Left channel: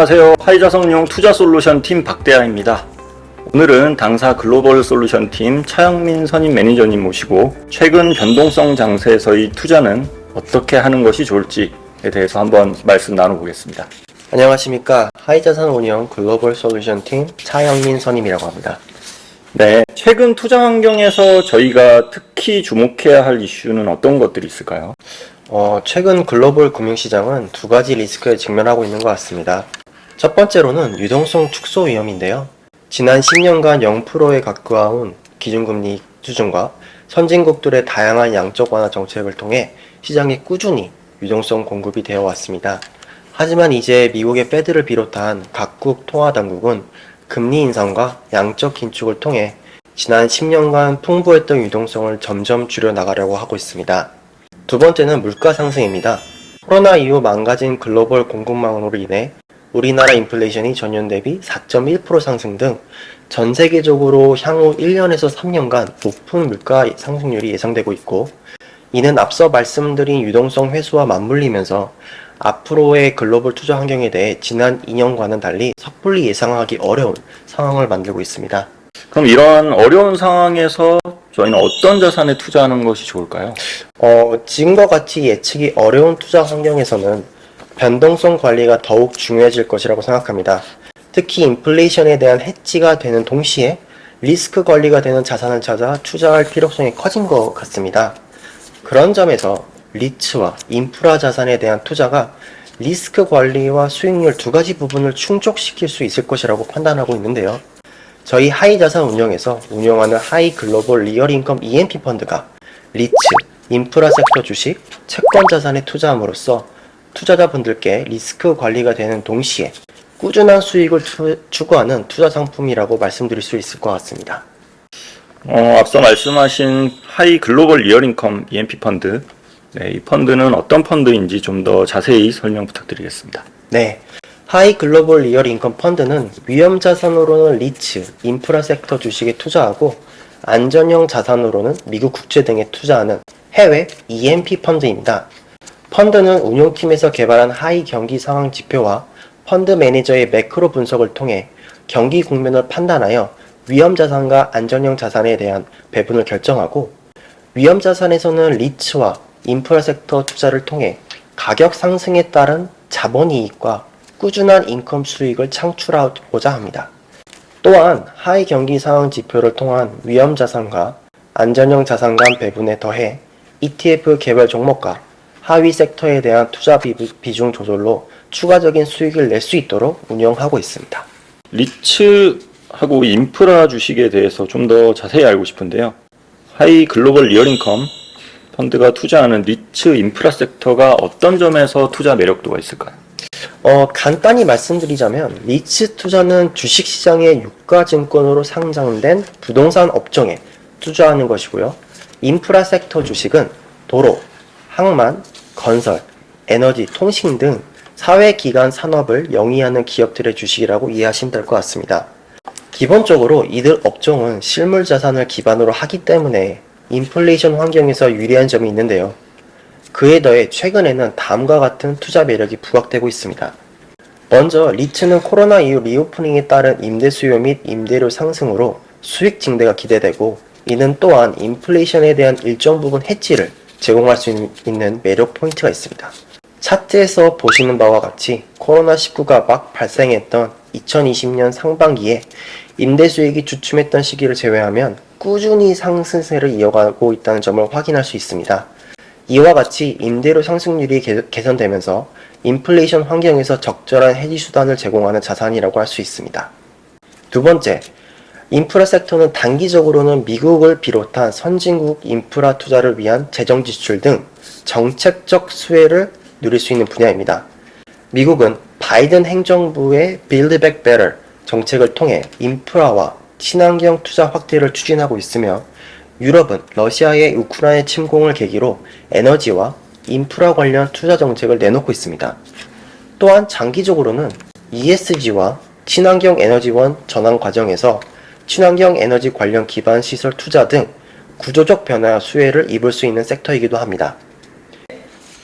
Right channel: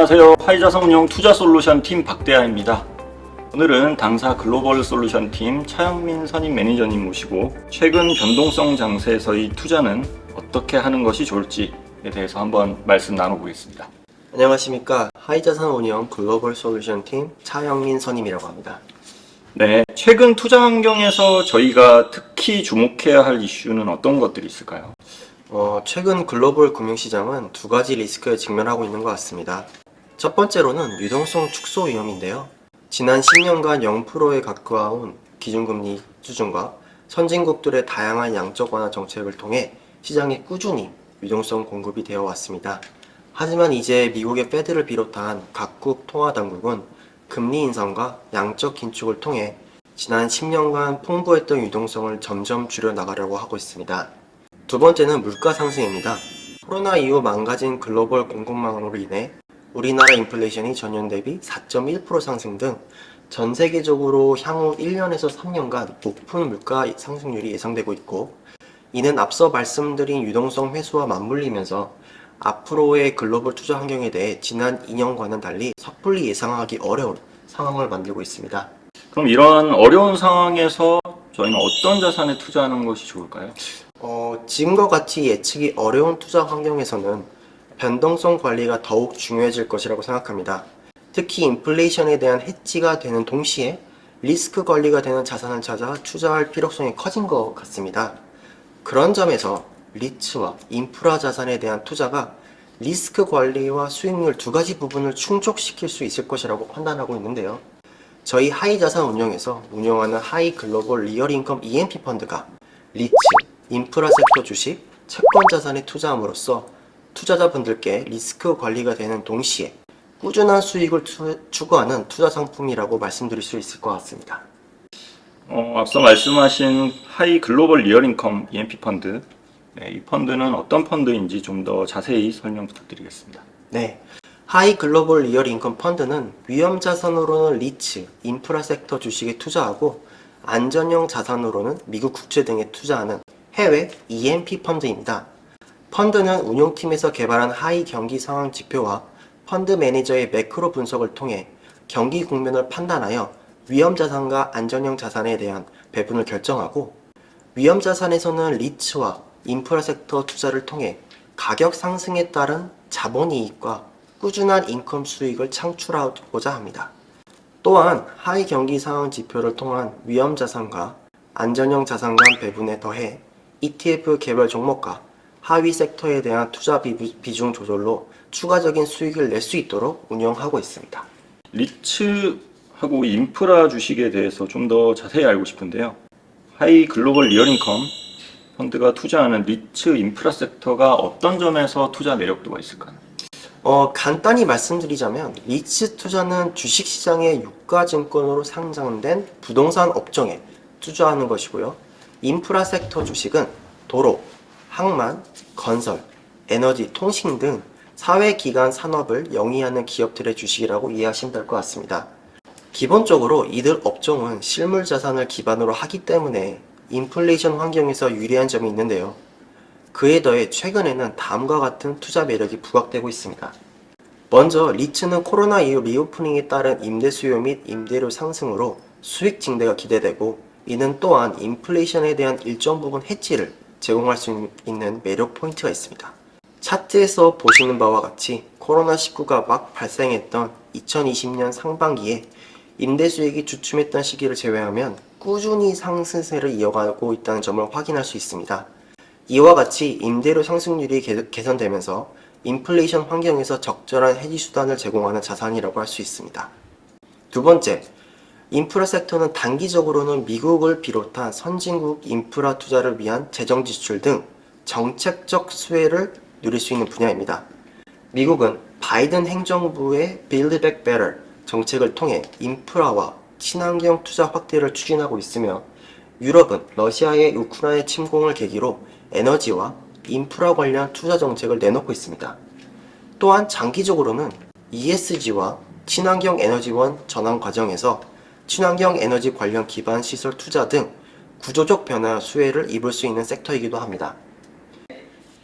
안녕하세요. 하이자산운용 투자솔루션 팀 박대하입니다. 오늘은 당사 글로벌 솔루션 팀 차영민 선임 매니저님 모시고 최근 변동성 장세에서의 투자는 어떻게 하는 것이 좋을지에 대해서 한번 말씀 나눠보겠습니다. 안녕하십니까. 하이자산운용 글로벌 솔루션 팀 차영민 선임이라고 합니다. 네, 최근 투자 환경에서 저희가 특히 주목해야 할 이슈는 어떤 것들이 있을까요? 최근 글로벌 금융시장은 두 가지 리스크에 직면하고 있는 것 같습니다. 첫 번째로는 유동성 축소 위험인데요. 지난 10년간 0%에 가까운 기준금리 수준과 선진국들의 다양한 양적 완화 정책을 통해 시장에 꾸준히 유동성 공급이 되어 왔습니다. 하지만 이제 미국의 페드를 비롯한 각국 통화당국은 금리 인상과 양적 긴축을 통해 지난 10년간 풍부했던 유동성을 점점 줄여나가려고 하고 있습니다. 두 번째는 물가 상승입니다. 코로나 이후 망가진 글로벌 공급망으로 인해 우리나라 인플레이션이 전년 대비 4.1% 상승 등 전 세계적으로 향후 1년에서 3년간 높은 물가 상승률이 예상되고 있고, 이는 앞서 말씀드린 유동성 회수와 맞물리면서 앞으로의 글로벌 투자 환경에 대해 지난 2년과는 달리 섣불리 예상하기 어려운 상황을 만들고 있습니다. 그럼 이런 어려운 상황에서 저희는 어떤 자산에 투자하는 것이 좋을까요? 지금과 같이 예측이 어려운 투자 환경에서는 변동성 관리가 더욱 중요해질 것이라고 생각합니다. 특히 인플레이션에 대한 해지가 되는 동시에 리스크 관리가 되는 자산을 찾아 투자할 필요성이 커진 것 같습니다. 그런 점에서 리츠와 인프라 자산에 대한 투자가 리스크 관리와 수익률 두 가지 부분을 충족시킬 수 있을 것이라고 판단하고 있는데요. 저희 하이자산 운영에서 운영하는 하이 글로벌 리얼 인컴 EMP 펀드가 리츠, 인프라 섹터 주식, 채권 자산에 투자함으로써 투자자분들께 리스크 관리가 되는 동시에 꾸준한 수익을 추구하는 투자 상품이라고 말씀드릴 수 있을 것 같습니다. 앞서 말씀하신 하이 글로벌 리얼인컴 EMP 펀드, 네, 이 펀드는 어떤 펀드인지 좀 더 자세히 설명 부탁드리겠습니다. 네, 하이 글로벌 리얼 인컴 펀드는 위험 자산으로는 리츠, 인프라 섹터 주식에 투자하고 안전형 자산으로는 미국 국채 등에 투자하는 해외 EMP 펀드입니다. 펀드는 운용팀에서 개발한 하이 경기 상황 지표와 펀드 매니저의 매크로 분석을 통해 경기 국면을 판단하여 위험 자산과 안전형 자산에 대한 배분을 결정하고, 위험 자산에서는 리츠와 인프라 섹터 투자를 통해 가격 상승에 따른 자본 이익과 꾸준한 인컴 수익을 창출하고자 합니다. 또한 하이 경기 상황 지표를 통한 위험 자산과 안전형 자산 간 배분에 더해 ETF 개별 종목과 하위 섹터에 대한 투자 비중 조절로 추가적인 수익을 낼 수 있도록 운영하고 있습니다. 리츠하고 인프라 주식에 대해서 좀 더 자세히 알고 싶은데요. 하이 글로벌 리얼인컴 펀드가 투자하는 리츠 인프라 섹터가 어떤 점에서 투자 매력도가 있을까요? 간단히 말씀드리자면 리츠 투자는 주식시장의 유가증권으로 상장된 부동산 업종에 투자하는 것이고요. 인프라 섹터 주식은 도로, 항만, 건설, 에너지, 통신 등 사회기관 산업을 영위하는 기업들의 주식이라고 이해하시면 될 것 같습니다. 기본적으로 이들 업종은 실물 자산을 기반으로 하기 때문에 인플레이션 환경에서 유리한 점이 있는데요. 그에 더해 최근에는 다음과 같은 투자 매력이 부각되고 있습니다. 먼저 리츠는 코로나 이후 리오프닝에 따른 임대 수요 및 임대료 상승으로 수익 증대가 기대되고, 이는 또한 인플레이션에 대한 일정 부분 해지를 제공할 수 있는 매력 포인트가 있습니다. 차트에서 보시는 바와 같이 코로나19가 막 발생했던 2020년 상반기에 임대 수익이 주춤했던 시기를 제외하면 꾸준히 상승세를 이어가고 있다는 점을 확인할 수 있습니다. 이와 같이 임대료 상승률이 개선되면서 인플레이션 환경에서 적절한 해지 수단을 제공하는 자산이라고 할 수 있습니다. 두 번째, 인프라 섹터는 단기적으로는 미국을 비롯한 선진국 인프라 투자를 위한 재정 지출 등 정책적 수혜를 누릴 수 있는 분야입니다. 미국은 바이든 행정부의 Build Back Better 정책을 통해 인프라와 친환경 투자 확대를 추진하고 있으며, 유럽은 러시아의 우크라이나 침공을 계기로 에너지와 인프라 관련 투자 정책을 내놓고 있습니다. 또한 장기적으로는 ESG와 친환경 에너지원 전환 과정에서 친환경 에너지 관련 기반 시설 투자 등 구조적 변화와 수혜를 입을 수 있는 섹터이기도 합니다.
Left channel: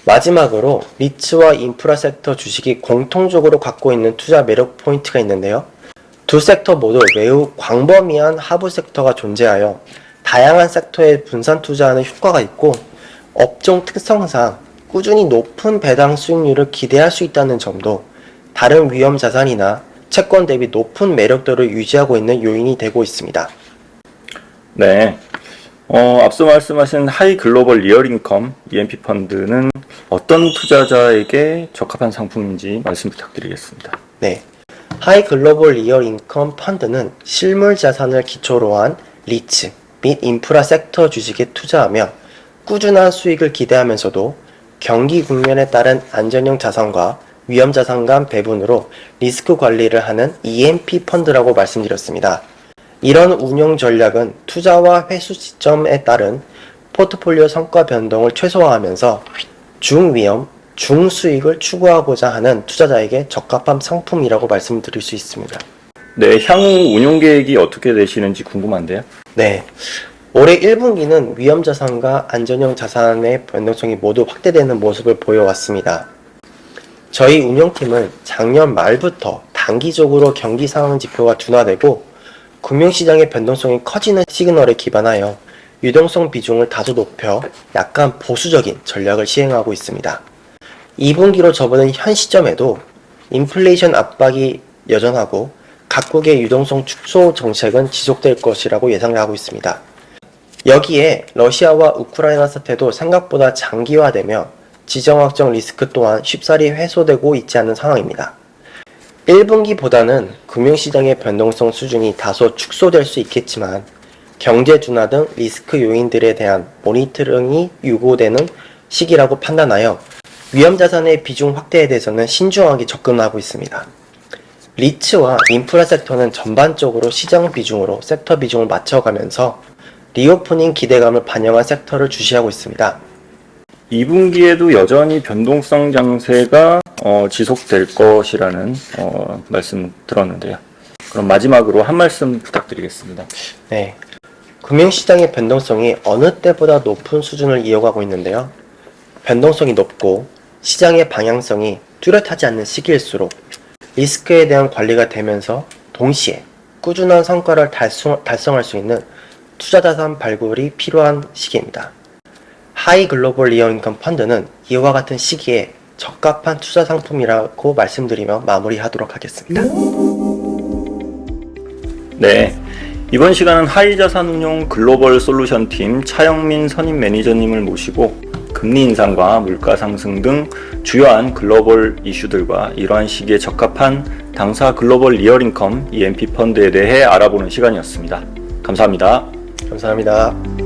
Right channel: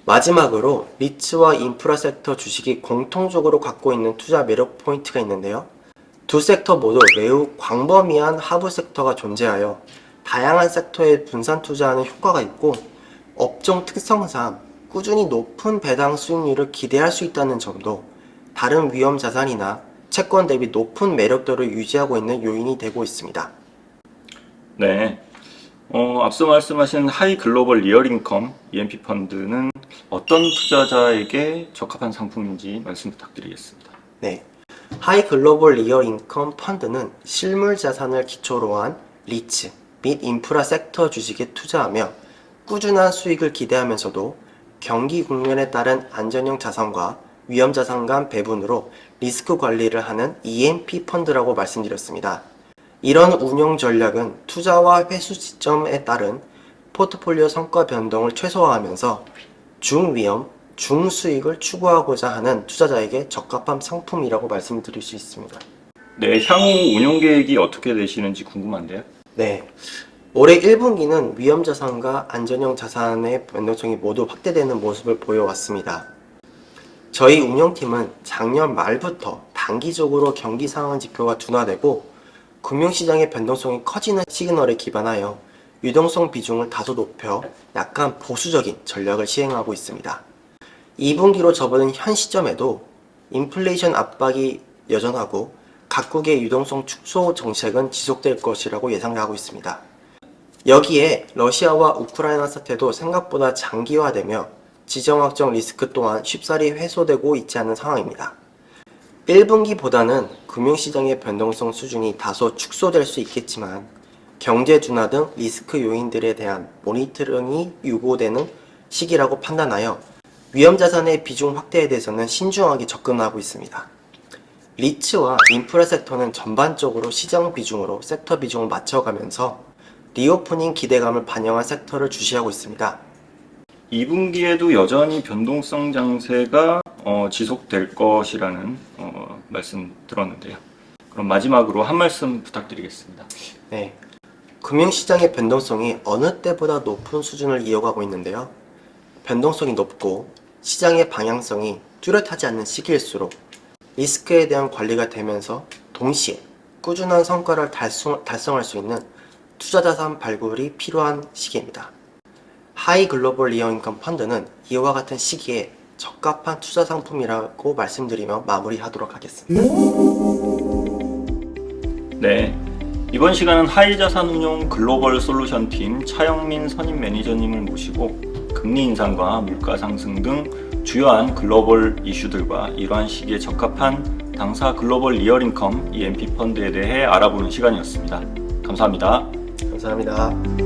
마지막으로 리츠와 인프라 섹터 주식이 공통적으로 갖고 있는 투자 매력 포인트가 있는데요. 두 섹터 모두 매우 광범위한 하부 섹터가 존재하여 다양한 섹터에 분산 투자하는 효과가 있고 업종 특성상 꾸준히 높은 배당 수익률을 기대할 수 있다는 점도 다른 위험 자산이나 채권 대비 높은 매력도를 유지하고 있는 요인이 되고 있습니다. 네. 앞서 말씀하신 하이 글로벌 리얼 인컴 EMP 펀드는 어떤 투자자에게 적합한 상품인지 말씀 부탁드리겠습니다. 네. 하이 글로벌 리얼 인컴 펀드는 실물 자산을 기초로 한 리츠 및 인프라 섹터 주식에 투자하며 꾸준한 수익을 기대하면서도 경기 국면에 따른 안전형 자산과 위험 자산 간 배분으로 리스크 관리를 하는 EMP 펀드라고 말씀드렸습니다. 이런 운용 전략은 투자와 회수 시점에 따른 포트폴리오 성과 변동을 최소화하면서 중위험, 중수익을 추구하고자 하는 투자자에게 적합한 상품이라고 말씀드릴 수 있습니다. 네, 향후 운용 계획이 어떻게 되시는지 궁금한데요. 네. 올해 1분기는 위험 자산과 안전형 자산의 변동성이 모두 확대되는 모습을 보여왔습니다. 저희 운영팀은 작년 말부터 단기적으로 경기 상황 지표가 둔화되고 금융시장의 변동성이 커지는 시그널에 기반하여 유동성 비중을 다소 높여 약간 보수적인 전략을 시행하고 있습니다. 2분기로 접어든 현 시점에도 인플레이션 압박이 여전하고 각국의 유동성 축소 정책은 지속될 것이라고 예상하고 있습니다. 여기에 러시아와 우크라이나 사태도 생각보다 장기화되며 지정학적 리스크 또한 쉽사리 해소되고 있지 않은 상황입니다. 1분기보다는 금융시장의 변동성 수준이 다소 축소될 수 있겠지만 경제 둔화 등 리스크 요인들에 대한 모니터링이 요구되는 시기라고 판단하여 위험자산의 비중 확대에 대해서는 신중하게 접근하고 있습니다. 리츠와 인프라 섹터는 전반적으로 시장 비중으로 섹터 비중을 맞춰가면서 리오프닝 기대감을 반영한 섹터를 주시하고 있습니다. 2분기에도 여전히 변동성 장세가 지속될 것이라는 말씀 들었는데요. 그럼 마지막으로 한 말씀 부탁드리겠습니다. 네, 금융시장의 변동성이 어느 때보다 높은 수준을 이어가고 있는데요. 변동성이 높고 시장의 방향성이 뚜렷하지 않는 시기일수록 리스크에 대한 관리가 되면서 동시에 꾸준한 성과를 달성할 수 있는 투자자산 발굴이 필요한 시기입니다. 하이 글로벌 리얼 인컴 펀드는 이와 같은 시기에 적합한 투자 상품이라고 말씀드리며 마무리하도록 하겠습니다. 네, 이번 시간은 하이자산운용 글로벌 솔루션 팀 차영민 선임 매니저님을 모시고 금리 인상과 물가 상승 등 주요한 글로벌 이슈들과 이러한 시기에 적합한 당사 글로벌 리얼 인컴 EMP 펀드에 대해 알아보는 시간이었습니다. 감사합니다. 감사합니다.